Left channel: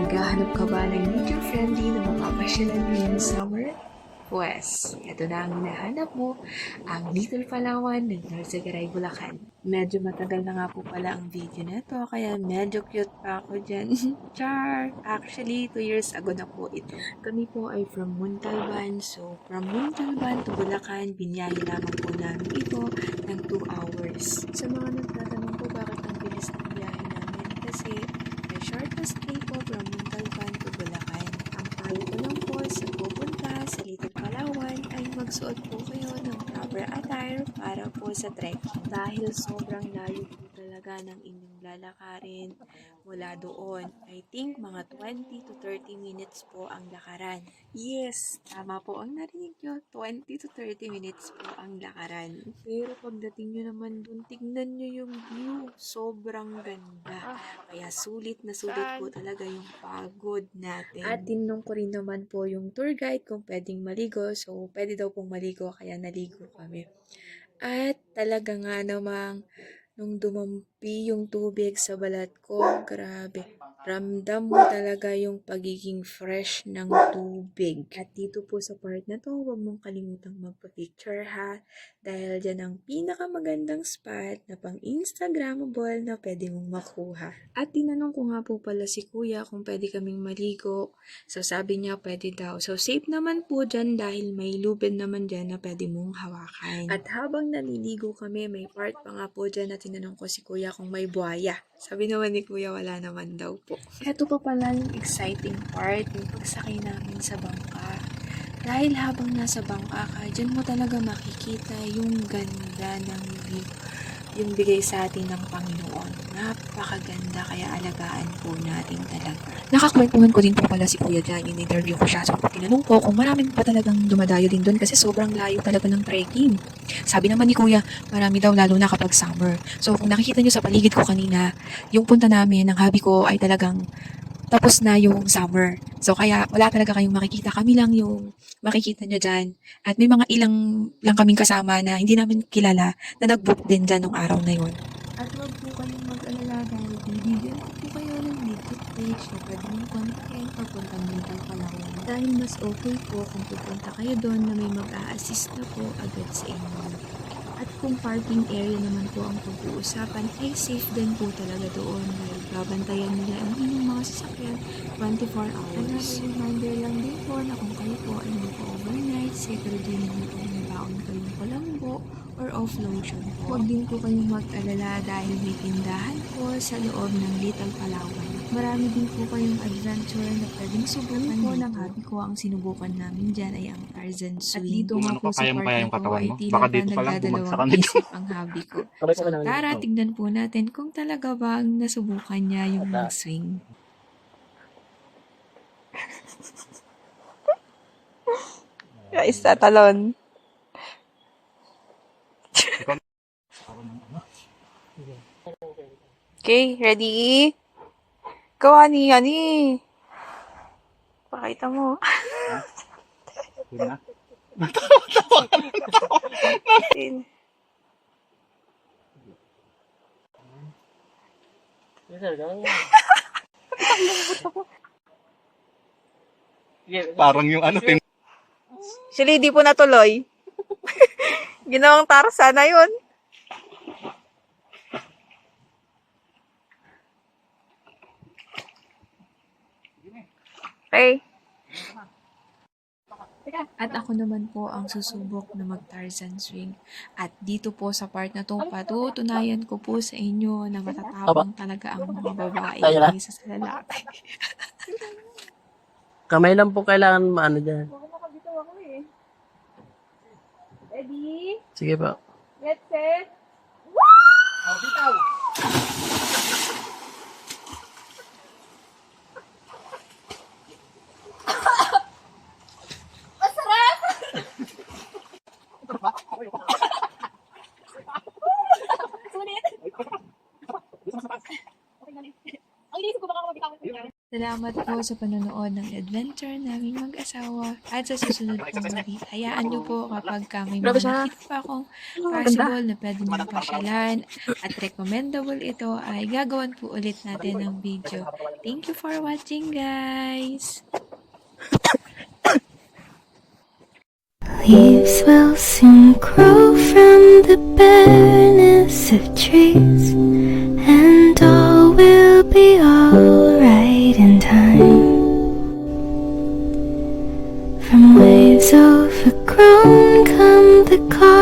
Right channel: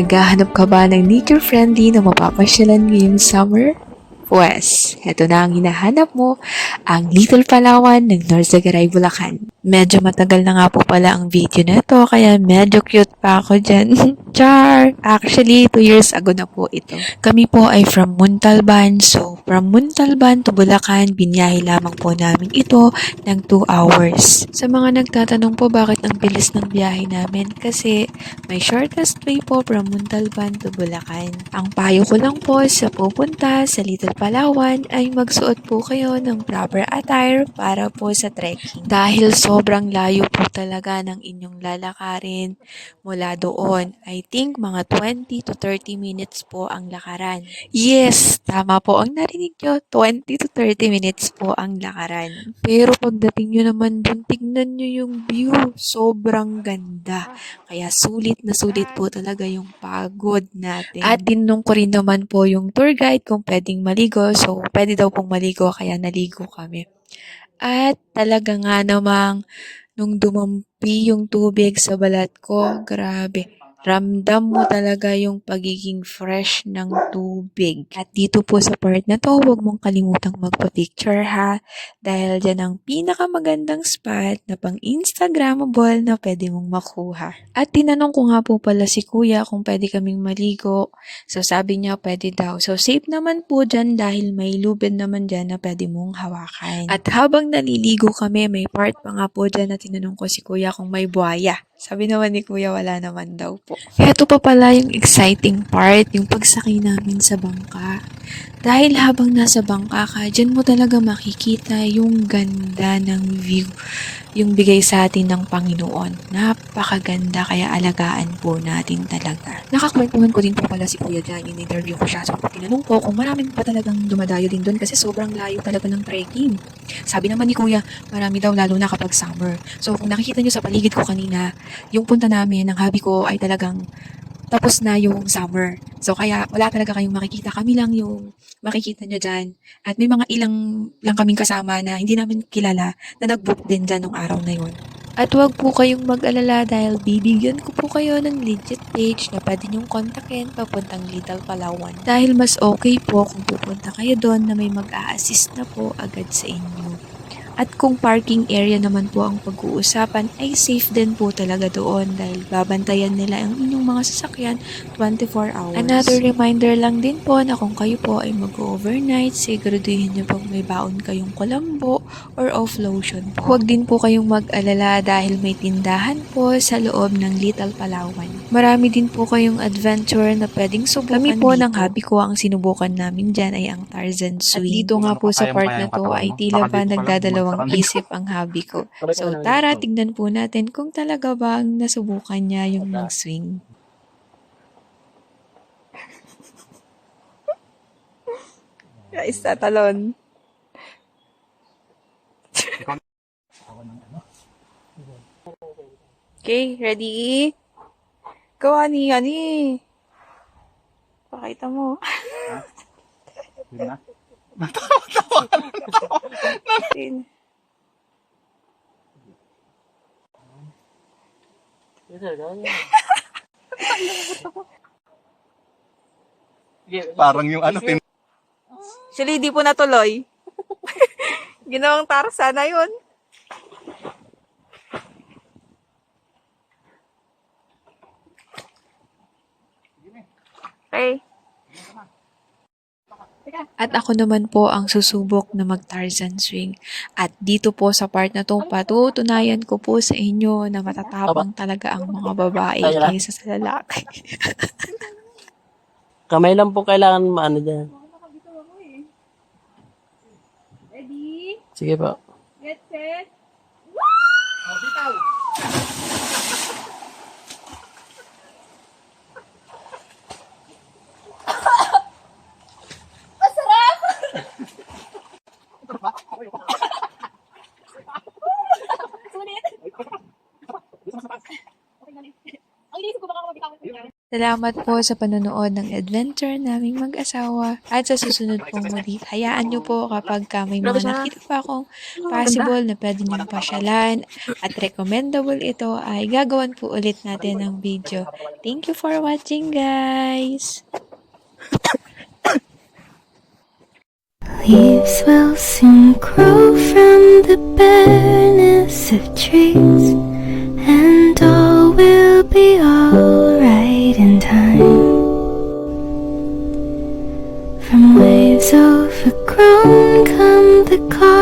Naghahanap ka ba ng nature-friendly na mapapasyalan ngayong summer? Pwes, heto na ang hinahanap mo, ang Little Palawan ng Norzagaray, Bulacan. Medyo matagal na nga po pala ang video na ito, kaya medyo cute pa ako dyan. Char! Actually, 2 years ago na po ito. Kami po ay from Muntalban, so from Muntalban to Bulacan, binyahe lamang po namin ito ng 2 hours. Sa mga nagtatanong po bakit ang bilis ng biyahe namin, kasi may shortest way po from Muntalban to Bulacan. Ang payo ko lang po sa pupunta sa Little Palawan ay magsuot po kayo ng proper attire para po sa trekking. Dahil sobrang layo po talaga ng inyong lalakarin mula doon. I think mga 20 to 30 minutes po ang lakaran. Yes, tama po ang narinig nyo, 20 to 30 minutes po ang lakaran. Pero pagdating nyo naman dun, tignan nyo yung view. Sobrang ganda. Kaya sulit na sulit po talaga yung pagod natin. At tinanong ko rin naman po yung tour guide kung pwedeng maligo. So, pwede daw pong maligo kaya naligo kami. At talaga nga namang nung dumampi yung tubig sa balat ko, grabe. Ramdam mo talaga yung pagiging fresh ng tubig. At dito po sa part na to, huwag mong kalimutang magpa-picture ha. Dahil dyan ang pinakamagandang spot na pang Instagrammable na pwede mong makuha. At tinanong ko nga po pala si kuya kung pwede kaming maligo. So sabi niya pwede daw. So safe naman po dyan dahil may lubid naman dyan na pwede mong hawakan. At habang naliligo kami, may part pa nga po dyan na tinanong ko si kuya kung may buhaya. Sabi naman ni kuya wala naman daw po. Ito pa pala yung exciting part, yung pagsakay namin sa bangka. Dahil habang nasa bangka ka, dyan mo talaga makikita yung ganda ng view. Yung bigay sa atin ng Panginoon. Napakaganda, kaya alagaan po natin talaga. Nakakwentuhan ko din po pala si Kuya dyan, in-interview ko siya. So, tinanong ko kung maraming pa talagang dumadayo din doon kasi sobrang layo talaga ng trekking. Sabi naman ni Kuya, marami daw lalo na kapag summer. So, kung nakikita nyo sa paligid ko kanina, yung punta namin, ng hobby ko ay talagang tapos na yung summer. So, kaya wala talaga kayong makikita. Kami lang yung makikita nyo dyan. At may mga ilang lang kaming kasama na hindi namin kilala na nag-book din dyan nung araw na yun. At huwag po kayong mag-alala dahil bibigyan ko po kayo ng legit page na pwede nyong kontakin papuntang Little Palawan. Dahil mas okay po kung pupunta kayo doon na may mag-a-assist na po agad sa inyo. At kung parking area naman po ang pag-uusapan ay safe din po talaga doon dahil babantayan nila ang inyong mga sasakyan 24 hours. Another reminder lang din po na kung kayo po ay mag-overnight, siguraduhin nyo pong may baon kayong kulambo or off lotion po. Huwag din po kayong mag-alala dahil may tindahan po sa loob ng Little Palawan. Marami din po kayong adventure na pwedeng subukan. Kami po ng hobby ko ang sinubukan namin dyan ay ang Tarzan Swing. At dito nga po sa part na to ay tila ba nagdadalawang isip ang hobby ko. So tara, tignan po natin kung talaga bang nasubukan niya yung mag-swing. Guys, tatalon. Okay, ready? Go, honey, honey. Pakita mo. Parang yung ano, Actually, di po natuloy. Ginawang Tarzan na yun. Okay. At ako naman po ang susubok na mag-Tarzan swing. At dito po sa part na to, patutunayan ko po sa inyo na matatapang talaga ang mga babae kaysa sa lalaki. Kamay lang po kailangan maano dyan. Ready? Sige po. Get set. Sulit. Okay, galing. Ang inisip ko baka mabitawan. Salamat po sa panonood ng adventure naming mag-asawa at sa susunod pong ulit. Hayaan niyo po kapag may mga nakita pa akong possible na pwede niyong pasyalan at recommendable ito ay gagawan po ulit natin ng video. Thank you for watching, guys! Leaves will soon grow from the bareness of trees, and all will be alright in time. From waves overgrown come the clouds.